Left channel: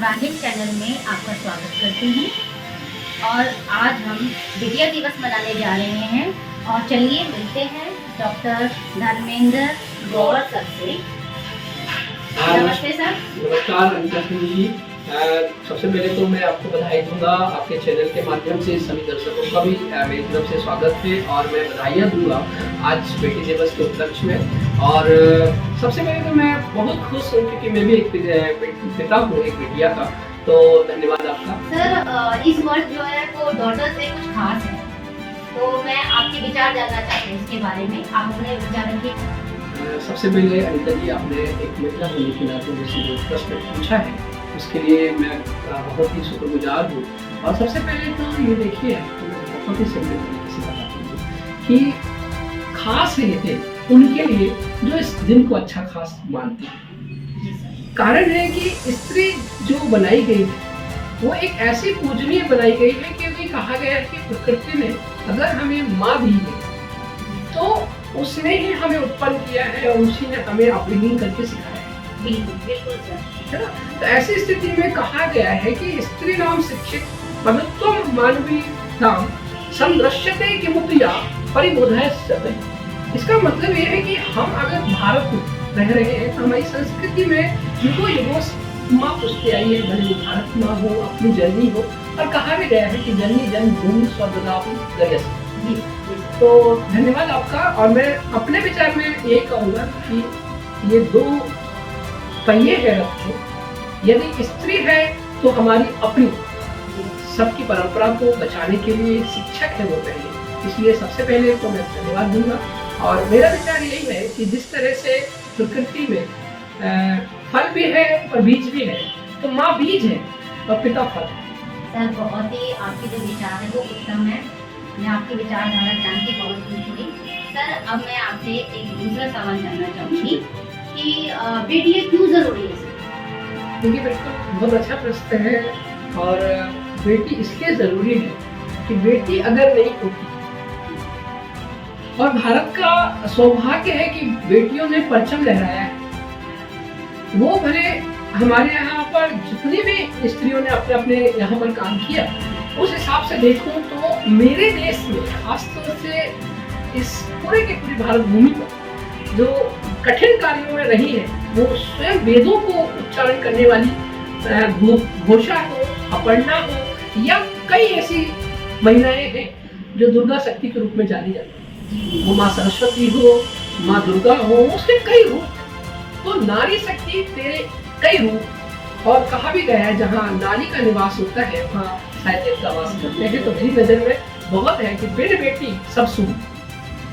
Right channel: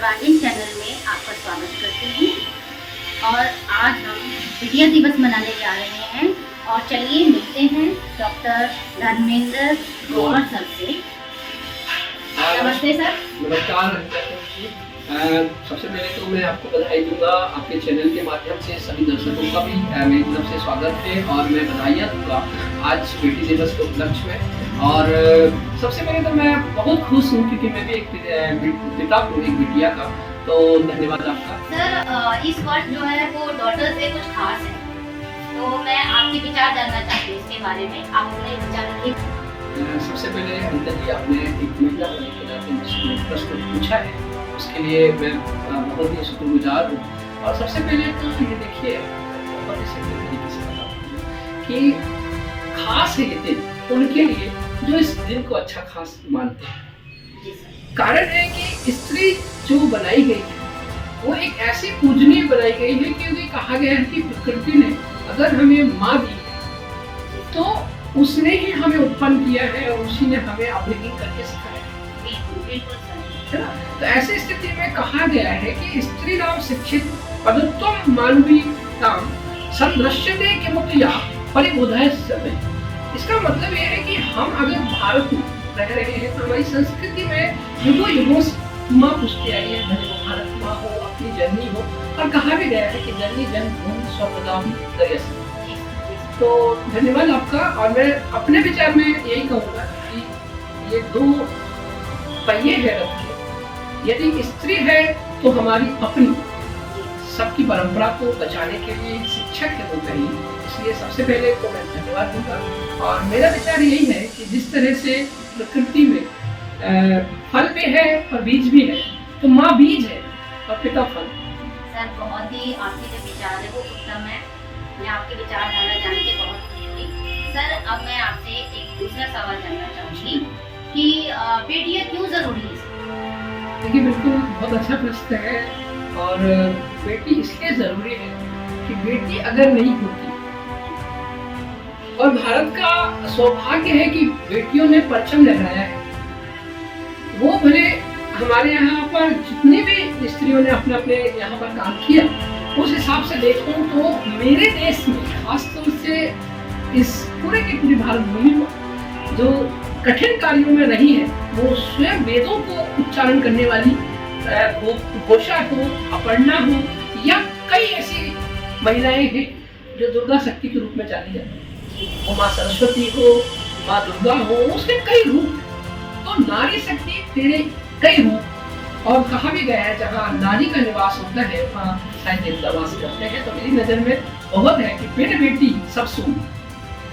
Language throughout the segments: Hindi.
सर्वांगीण चैनल में आपका स्वागत करती हूँ। और आज हम बिटिया दिवस मनाने जा रहे हैं और चलिए मिलते हैं डॉक्टर धर्मेंद्र ग्रोवर सर से। नमस्ते सर। नमस्कार अनिता जी। सबसे पहले तो मैं आपको बधाई दूंगा, आपके चैनल के माध्यम से सभी दर्शकों का भी मेरी तरफ से स्वागत है और मैं बधाइयाँ दूंगा आज बेटी दिवस के उपलक्ष्य में। और सबसे पहले तो मैं बहुत खुश हूँ क्योंकि मैं भी एक पिता हूँ, एक बिटिया का, तो धन्यवाद आपका। सर इस वर्ष जो है वो डॉटर से कुछ खास है, तो मैं आपके विचार जानना चाहती हूँ इसके बारे में, आप अपने विचार रखिए। सबसे पहले अनिता जी, आपने एक महिला होने के नाते मुझसे जो प्रश्न पूछा है उसके लिए मैं बहुत ही शुक्रगुजार हूँ। और सबसे पहले तो ये देखिए, बहुत ही सिंपल तरीके से बताता हूँ कि खास है ये दिन उनके लिए जो इस दिन को अच्छा खास मानते हैं। कारण है कि स्त्री जो बनाई गई है वो एक ऐसी पूजनीय बनाई गई है क्योंकि कहा गया है कि प्रकृति ने अगर हमें माँ दी है तो उसने ही हमें उत्पन्न किया है और उसी ने हमें अपब्रिंगिंग करके सिखाया है। बिल्कुल सर, है ना। तो ऐसी स्थिति में कहा गया है कि स्त्री नाम शिक्षित पदत्वम मानवी नाम संदृश्यते किमुतया परिबोधय सते। इसका मतलब ये है कि हम अगर भारत में रह रहे हैं तो हमारी संस्कृति में युगों युगों माँ पूछते आई है, भले वो भारत माँ हो, अपनी जननी हो। और कहा भी गया है कि जननी जन्मभूमि स्वर्गदापि गरीयसी। तो धन्यवाद आपका। और मैं अपने विचार में यही कहूँगा कि ये दो पहिए है रथ के, यदि स्त्री है तो हमारी अपनी सबकी परंपरा को बचाने के लिए शिक्षक है वो पहले, इसलिए सबसे पहले तो मैं धन्यवाद दूंगा। और मेरा विचार यही है कि जिस तरह से प्रकृति में फल भी है और बीज भी है, तो माँ बीज है और पिता फल। सर बहुत ही आपके जो विचार है वो उत्तम है, मैं आपके विचारधारा जान के बहुत खुश हुई। सर अब मैं आपसे एक दूसरा सवाल जानना चाहूँगी कि बेटियाँ क्यों जरूरी है? देखिए बिल्कुल बहुत अच्छा प्रश्न है। और बेटी इसलिए जरूरी है कि बेटी अगर नहीं होती, और भारत का सौभाग्य है कि बेटियों ने परचम लहराया है। वो भले हमारे यहाँ पर जितनी भी स्त्रियों ने अपने अपने यहाँ पर काम किया, उस हिसाब से देखूं तो मेरे देश में खासतौर से इस पूरे के पूरी भारत भूमि पर जो कठिन कार्यों में रही है, वो स्वयं वेदों को उच्चारण करने वाली घोषा हो, अपर्णा हो, या कई ऐसी महिलाएं हैं जो दुर्गा शक्ति के रूप में जानी जाती है। वो माँ सरस्वती हो, माँ दुर्गा हो, उसके कई रूप। तो नारी शक्ति तेरे कई रूप। और कहा भी गया है जहाँ नारी का निवास होता है वहाँ शायद देवता वास करते हैं। तो मेरी नजर में बहुत है कि बेटी बेटी सब सुन।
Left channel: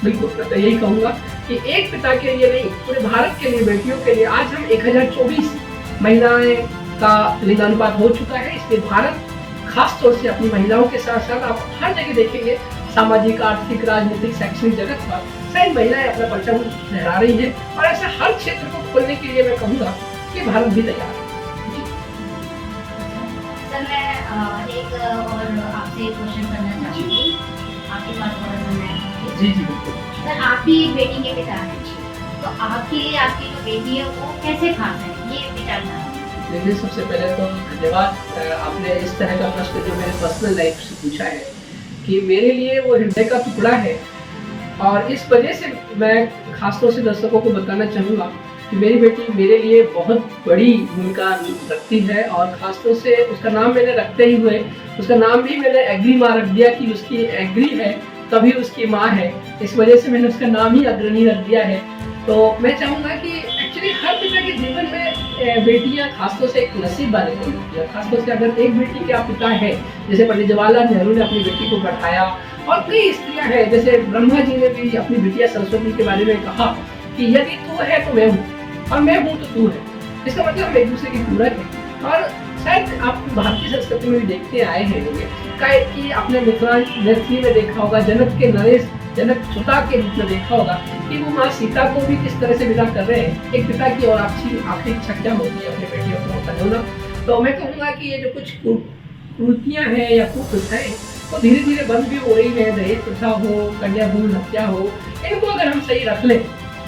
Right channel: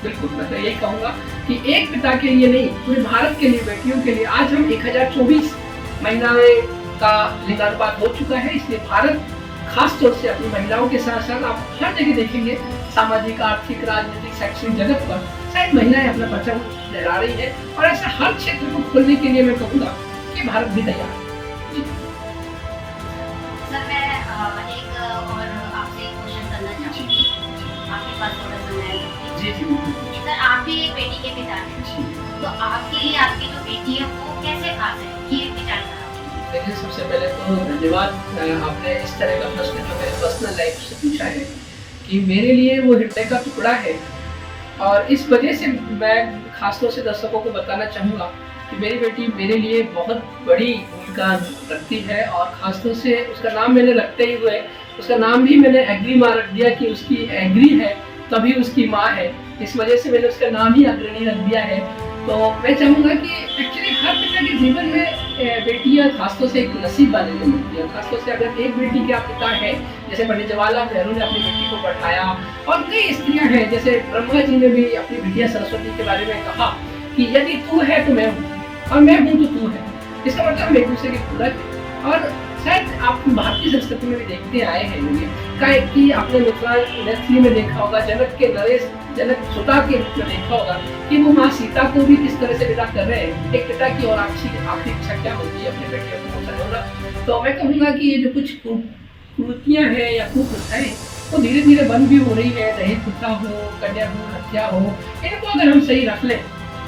बिल्कुल मैं तो यही कहूँगा कि एक पिता के लिए नहीं, पूरे भारत के लिए, बेटियों के लिए आज हम 1024 महिलाएं का लिंगानुपात हो चुका है। इसलिए भारत खास तौर से अपनी महिलाओं के साथ साथ आप हर जगह देखेंगे, सामाजिक, आर्थिक, राजनीतिक, शैक्षणिक जगत पर शायद महिलाएं अपना परचम लहरा रही है। और ऐसा हर क्षेत्र को खोलने के लिए मैं कहूँगा कि भारत भी तैयार है। सर मैं एक और आपसे क्वेश्चन करना चाहूँगी, आपके पास थोड़ा समय है? जी बिल्कुल। सर आप भी एक बेटी के पिता हैं, तो आपके लिए आपकी जो बेटी है वो कैसे खास है, ये विचारधारा? देखिए सबसे पहले तो धन्यवाद, आपने इस तरह का प्रश्न जो मेरे पर्सनल लाइफ से पूछा है कि मेरे लिए वो हृदय का टुकड़ा है। और इस वजह से मैं खासतौर से दर्शकों को बताना चाहूँगा कि मेरी बेटी मेरे लिए बहुत बड़ी भूमिका रखती है। और खासतौर से उसका नाम मैंने रखते ही हुए, उसका नाम भी मैंने एग्री माँ रख दिया कि उसकी एग्री है तभी उसकी माँ है। इस वजह से मैंने उसका नाम ही अग्रणी रख दिया है। तो मैं चाहूँगा कि एक्चुअली हर पिता के जीवन में बेटियाँ खासतौर से एक नसीब वाले को मिलती है। खासतौर से अगर एक बेटी के आप पिता है, जैसे पंडित जवाहरलाल नेहरू ने अपनी बेटी को पढ़ाया, और कई स्त्रियाँ हैं, जैसे ब्रह्मा जी ने भी अपनी बिटिया सरस्वती के बारे में कहा कि यदि तू है तो मैं हूँ और मैं हूँ तो तू है। इसका मतलब हम एक दूसरे की पूरक है। और शायद आप भारतीय संस्कृति में भी देखते आए हैं कि आपने मिथिला में देखा होगा, जनक के नरेश जनक सुता के रूप में देखा होगा कि वो माँ सीता को भी किस तरह से विदा कर रहे हैं। एक पिता की और आखिरी इच्छा क्या होती है, अपनी बेटियों को सजोना। तो मैं कहूँगा कि ये जो कुछ कुरीतियाँ हैं या कुप्रथाएं वो धीरे धीरे बंद भी हो रही है। दहेज प्रथा हो, कन्या भ्रूण हत्या हो, इनको अगर हम सही रख लें,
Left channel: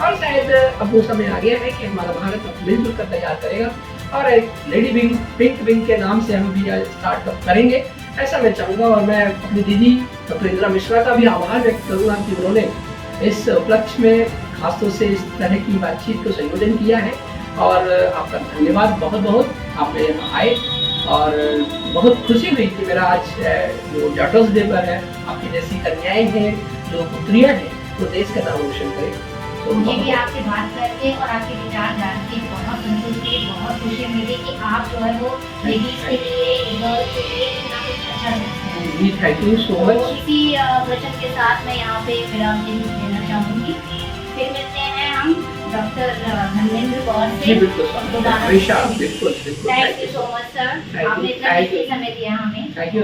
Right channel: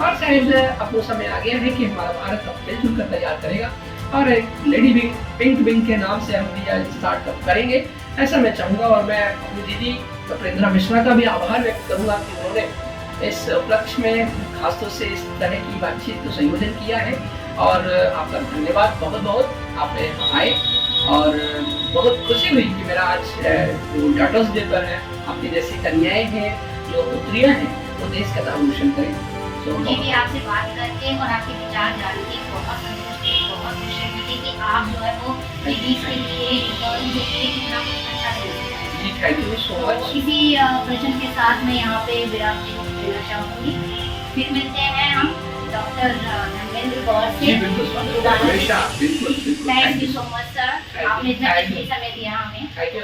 और शायद अब वो समय आ गया है कि हमारा भारत अब मिलजुल कर तैयार करेगा और एक लेडी विंग पिंक विंग के नाम से हम भी स्टार्टअप करेंगे, ऐसा मैं चाहूँगा। और मैं अपनी दीदी डॉक्टर इंदिरा मिश्रा का भी आभार व्यक्त करूँगा कि उन्होंने इस उपलक्ष्य में खासतौर से इस तरह की बातचीत को संयोजन किया है। और आपका धन्यवाद बहुत बहुत, आप मेरे यहाँ आए और बहुत खुशी हुई कि मेरा आज जो डॉटर्स डे पर है, आपकी जैसी कन्याएं हैं, जो पुत्रियां हैं, वो देश का नाम रोशन करें। तो मुझे भी आपसे बात करके और आपके विचार जान के बहुत संतुष्टि, बहुत खुशी मिली कि आप जो है वो लेडीज के लिए, गर्ल्स के लिए कितना कुछ अच्छा करते हैं। जी, थैंक यू सो मच। इसी वचन के साथ मैं यहाँ पे विराम देना चाहूँगी। फिर मिलते हैं हम डॉक्टर धर्मेंद्र गौर से। जी बिल्कुल, हमेशा, बिल्कुल बिल्कुल। Thank you so much sir, आपने इतना कीमती समय दिया हमें। Thank you.